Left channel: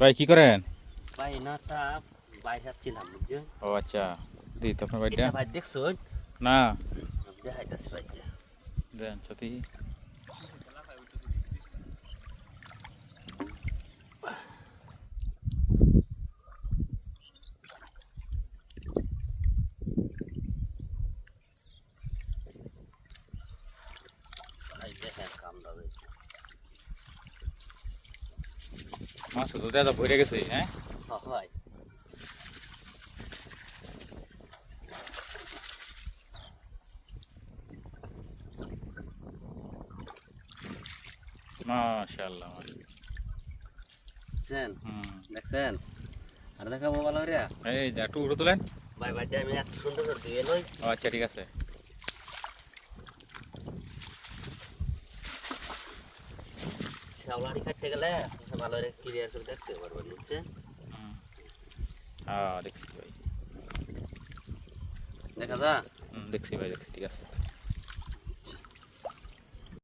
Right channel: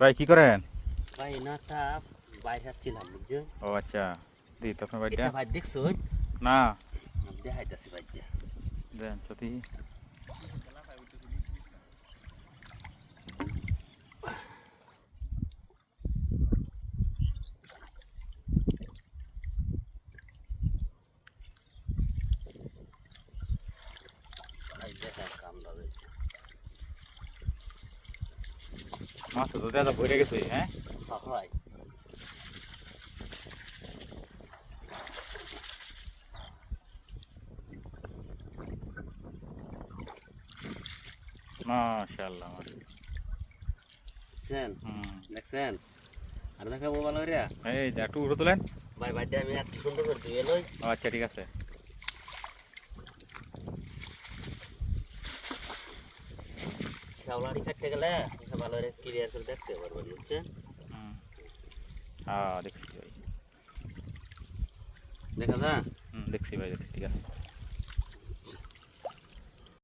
ভাই কি করেন? ভাই নাটা বাইরে যাচ্ছিলাম বুঝছেন। ও আচ্ছা, দি তো আপনার বাড়িটা এটা ভাই দেখছো? না দেখাইতেছি ভাইটা। দেন সত্যি ভাই দেখেন কামড়া রয়েছে। মাছ তো দাদা ভরে গেছে। হ্যাঁ ভাই মাশাআল্লাহ। দেখছেন হুম দেখছেন আর দেখাবো ভালো করে। এই যা একটু উঠে তোলেন। ভাই ভাইটা আমি এত সুন্দর করে ধুয়ে লই। ও আচ্ছা ঠিক আছে। শাওলাড়ি কাটতে গেলে ভালো করে ক্লিয়ার করে দেখতে পারবেন বুঝছেন। হুম হ্যাঁ দেখছি ভাই। দেখা যা হুম দেখছি ভাই দেখছি ঠিক আছে।